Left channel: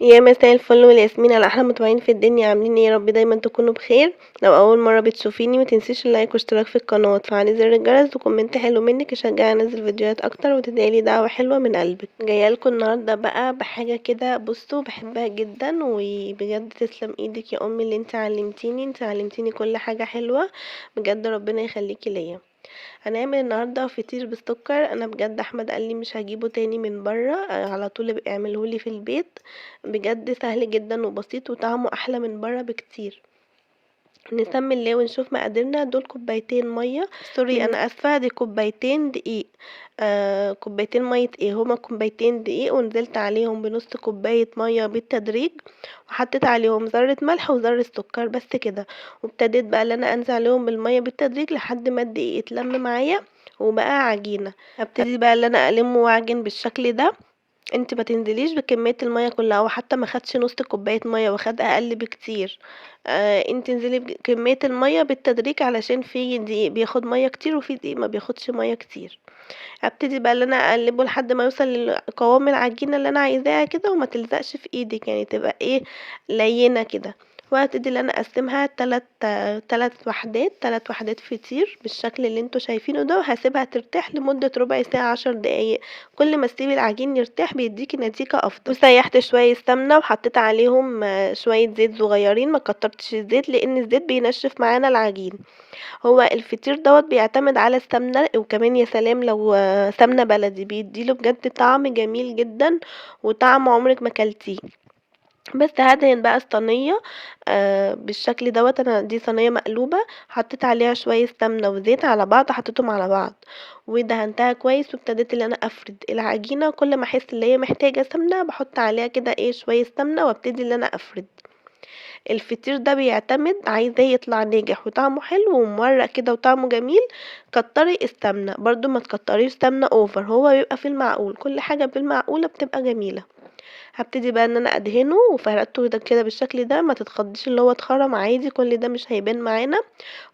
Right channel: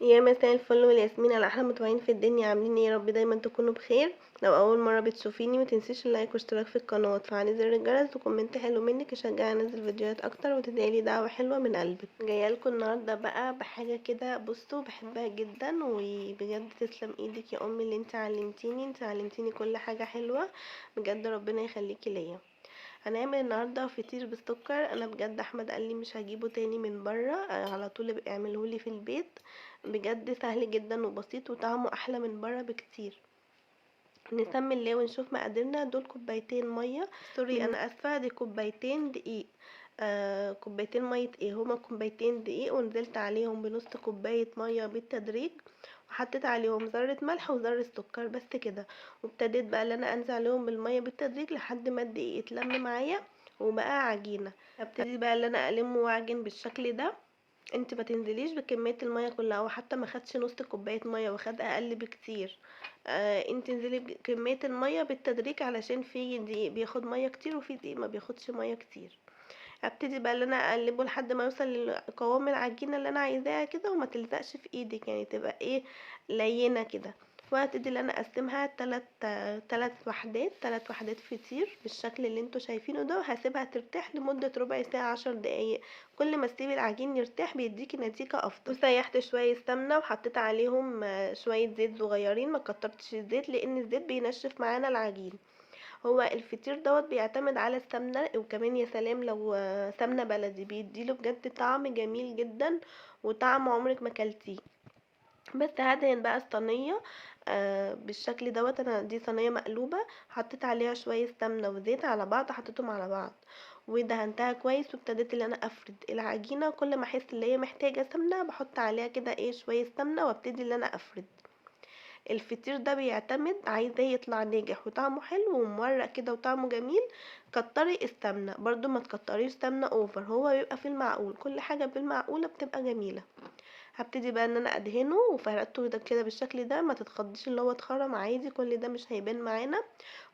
يا مساء الفل والياسمين على احلى متابعين في الدنيا، عاملين ايه؟ يا رب دايما تكونوا بخير. لو اول مره بتشوفيني متنسيش اللايك واشتراك في القناه وتفعلي زر الجرس وكومنت حلو منك يشجعني انزل فيديوهات اكتر وتدعيلي دعوه حلوه من قلبك. جايه لكم النهارده بقى بحاجه كده، بصوا بحبها جدا وبجد تسلم ايدك يا امي اللي انت علمتيني كل حاجه حلوه. بجد ربنا يخليكي ليا. هنعمل النهارده فطير بالسكر. انا بجد احمد قال لي مش هجيبه تاني من بره، على طول ابقى اعمله لي في البيت. بجد سهل جدا وبسيط وطعمه احلى من بره بكتير. نسمي الله ونشوف مقاديرنا. دول كوبايتين ميه، سوري انا اسفه، دي كوبايتين دقيق. كوبايتين ميه ايه، هما كوبايتين دقيق ونزلت عليهم بنص كوبايه ميه بالتدريج، وحطيت عليهم ذره ملح وذره سكر بس كده. وابتديت بقى ان انا انزل عليهم بالميه بالتدريج لحد ما الدقيق اتلم معايا وبقى عجينه. هبتدي بقى ان انا الم واعجن بالشكل ده. انت ما تنزليش بكميه الميه كلها، او حتى ما خدش نص كوبايه ميه وخد اقل بكتير. انت انزلي بكميه الميه بالتدريج، علشان في دقيق بياخد ميه كتير وفي دقيق ما بياخدش ميه كتير. هبتدي بقى ان انا اقلبه لحد ما يوصل لقوام العجينه اللي انا عايزاها كده، وما تلزقش في ايدك، يعني تبقى ايه، لينه كده. وهبتدي ان انا اقسمها تلات وحدات فطير بالشكل اللي انتوا شايفينه ده، وهسيبها ترتاح لمده ربع ساعه 10 دقايق. كل ما تسيبي العجين يرتاح بيديكي نتيجه افضل. وسيحت شويه سمنه وحطيت عليهم شويه زيت صغيرين، ما كترتش الزيت لان الزيت بينشف معانا العجين. هو الفطير بيعتمد على السمنة، وكمان يا سلام لو سمنة بلدي بيديله بجد طعم جميل جدا، وطعم عمرك ما كلتيه. بس هدهن بقى الصينية بالشكل انا دي صينية مقلوبة، حطيت عليها شوية سمنة وزيت على بعض، حطيتهم على بعض ودهنتها كويس. وابتديت ان انا افرد العجينة، كل ما احس ان هي محتاجة سمنة بحط عليها كده ايه شوية سمنة وابتدي ان انا افرد. الفطير ده بيعتمد عايزاه يطلع ناجح وطعمه حلو ومورق كده وطعمه جميل، كتري السمنه برضو، ما تكتريش سمنه اوفر، هو بيبقى في المعقول، كل حاجه بالمعقوله بتبقى جميله. هبتدي بقى ان انا ادهنه وفردته ده كده بالشكل ده، ما تتخضيش اللي هو اتخرم عادي، كل ده مش هيبان معانا.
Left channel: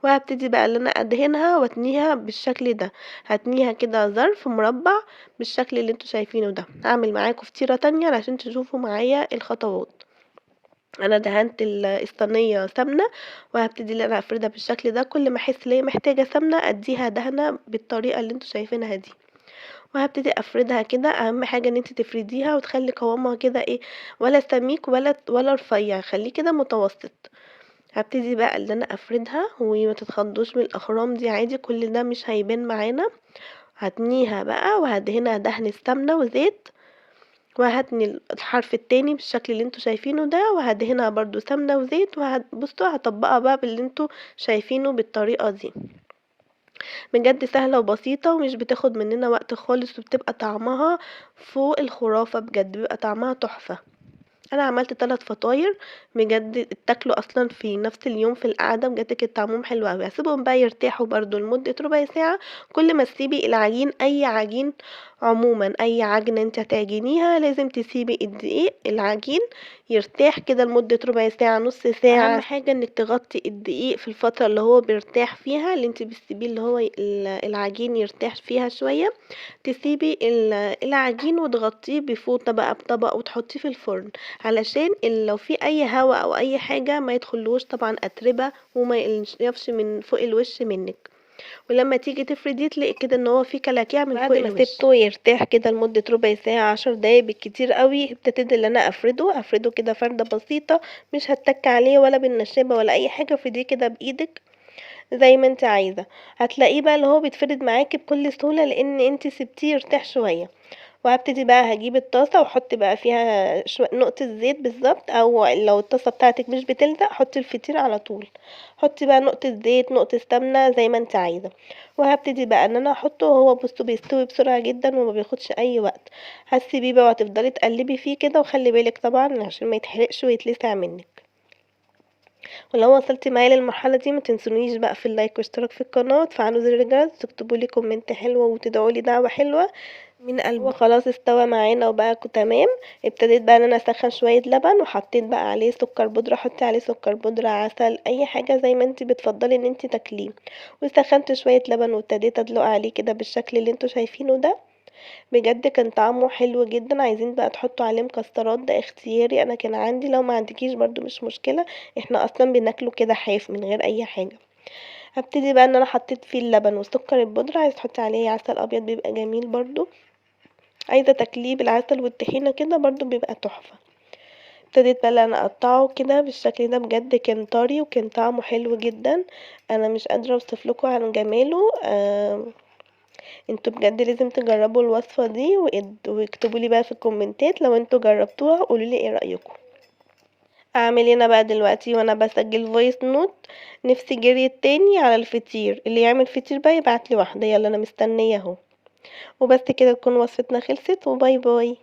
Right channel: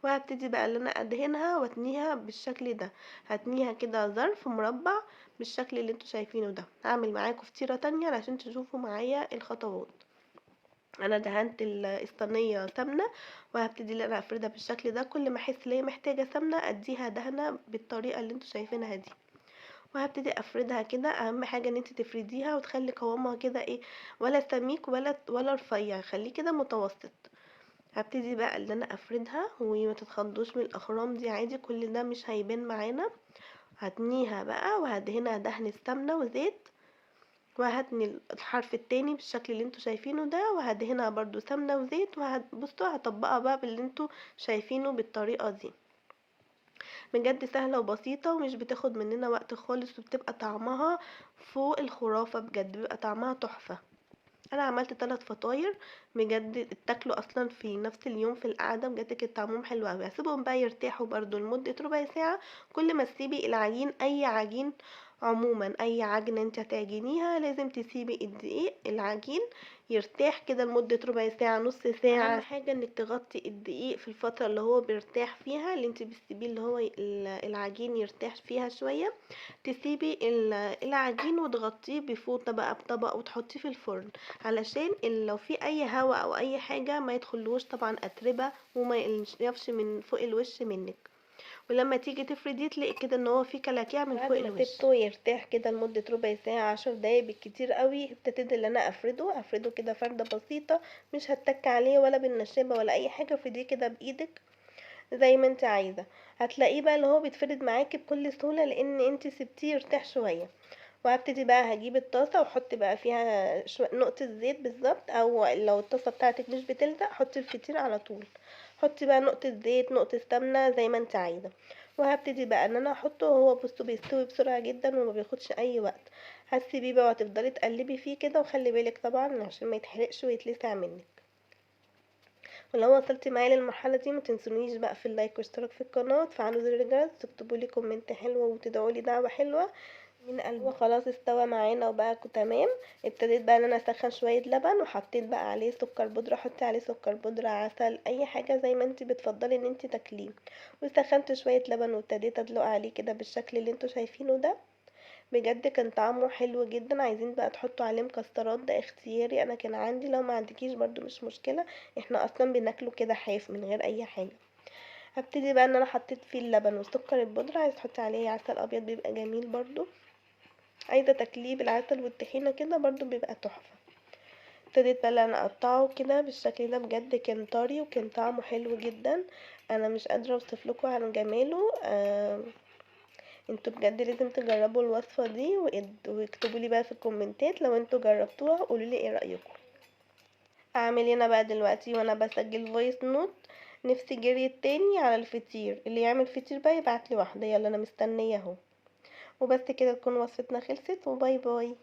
وهبتدي بقى ان انا ادهنها واتنيها بالشكل ده. هتنيها كده ظرف مربع بالشكل اللي انتوا شايفينه ده. هعمل معاكم فطيره تانية علشان تشوفوا معايا الخطوات. انا دهنت الصينيه سمنه، وهبتدي ان انا افردها بالشكل ده، كل ما احس ان هي محتاجه سمنه اديها دهنه بالطريقه اللي انتوا شايفينها دي. وهبتدي افردها كده. اهم حاجه ان انت تفرديها وتخلي قوامها كده ايه، ولا سميك ولا رفيع، خليه كده متوسط. هبتدي بقى ان انا افردها وما تتخضوش من الاخرام دي عادي، كل ده مش هيبان معانا. هتنيها بقى وهدهنها دهن السمنه وزيت، وهتني الحرف التاني بالشكل اللي انتوا شايفينه ده، وهدهنها برضو سمنة وزيت، بصوا هطبقها بقى باللي انتوا شايفينه بالطريقة دي. بجد سهلة وبسيطة ومش بتاخد مننا وقت خالص، وبتبقى طعمها فوق الخرافة، بجد بيبقى طعمها تحفة. انا عملت 3 فطاير بجد اتاكلوا اصلا في نفس اليوم في القعده، بجد كان طعمهم حلو قوي. هسيبهم بقى يرتاحوا برضو لمده ربع ساعه. كل ما تسيبي العجين، اي عجين عموما، اي عجنه انت هتعجنيها لازم تسيبي الدقيق العجين يرتاح كده لمده ربع ساعه نص ساعه. اهم حاجه انك تغطي الدقيق في الفتره اللي هو بيرتاح فيها، اللي انت بتسيبيه اللي هو العجين يرتاح فيها شويه. تسيبي العجين وتغطيه بفوطه بقى بطبق وتحطيه في الفرن، علشان لو في اي هوا او اي حاجه ما يدخلوش طبعا اتربه وما ينشفش من فوق الوش منك. ولما تيجي تفردي تلاقي كده ان هو في كلاكيع من فوق الوش. بعد ما سبته يرتاح كده لمده ربع ساعه 10 دقايق بالكتير قوي، ابتديت ان انا افرده كده فرده بسيطه، مش هتك عليه ولا بالنشابه ولا اي حاجه، افرديه كده بايدك زي ما انت عايزه. هتلاقيه بقى اللي هو بيتفرد معاكي بكل سهوله لان انت سبتيه يرتاح شويه. وهبتدي بقى هجيب الطاسه واحط بقى فيها نقطه زيت بالظبط، او لو الطاسه بتاعتك مش بتلزق حطي الفطير على طول. حطي بقى نقطه زيت نقطه سمنه زي ما انت عايزه. وهبتدي بقى ان انا احطه، هو بصوا بيستوي بسرعه جدا وما بياخدش اي وقت. هتسيبيه بقى وهتفضلي تقلبي فيه كده، وخلي بالك طبعا عشان ما يتحرقش ويتلسع منك. ولو وصلتي معايا للمرحله دي ما تنسونيش بقى في اللايك واشتراك في القناه وتفعلوا زر الجرس وتكتبوا لي كومنت حلوه وتدعوا لي دعوه حلوه من قلبي. هو خلاص استوى معانا وبقى تمام. ابتديت بقى ان انا اسخن شويه لبن، وحطيت بقى عليه سكر بودره، حطي عليه سكر بودره عسل اي حاجه زي ما انت بتفضلي ان انت تاكليه. وسخنت شويه لبن وابتديت ادلق عليه كده بالشكل اللي انتوا شايفينه ده. بجد كان طعمه حلو جدًا، عايزين بقى تحطوا عليه مكسرات ده اختياري، أنا كان عندي، لو ما عندكيش برضه مش مشكلة، إحنا أصلًا بناكله كده حاف من غير أي حاجة. هابتدي بقى إن أنا حطيت فيه اللبن والسكر البودرة، عايزة تحطي عليه عسل أبيض بيبقى جميل برضه، عايزة تاكليه بالعسل والطحينة كده برضه بيبقى تحفة. ابتديت بقى إن أنا أقطّعه كده بالشكل ده، بجد كان طري وكان طعمه حلو جدًا، أنا مش قادرة أوصف لكم عن جماله. أنتم بجد لازم تجربوا الوصفة دي، واكتبوا لي بقى في الكومنتات لو أنتم جربتوها قولوا لي إيه رأيكم. أعمل إيه أنا بقى دلوقتي وأنا باسجل voice note؟ نفسي جريت تاني على الفطير، اللي يعمل فطير بقى يبعت لي واحدة، يالّا أنا مستنية أهو. وبس كده تكون وصفتنا خلصت، وباي باي.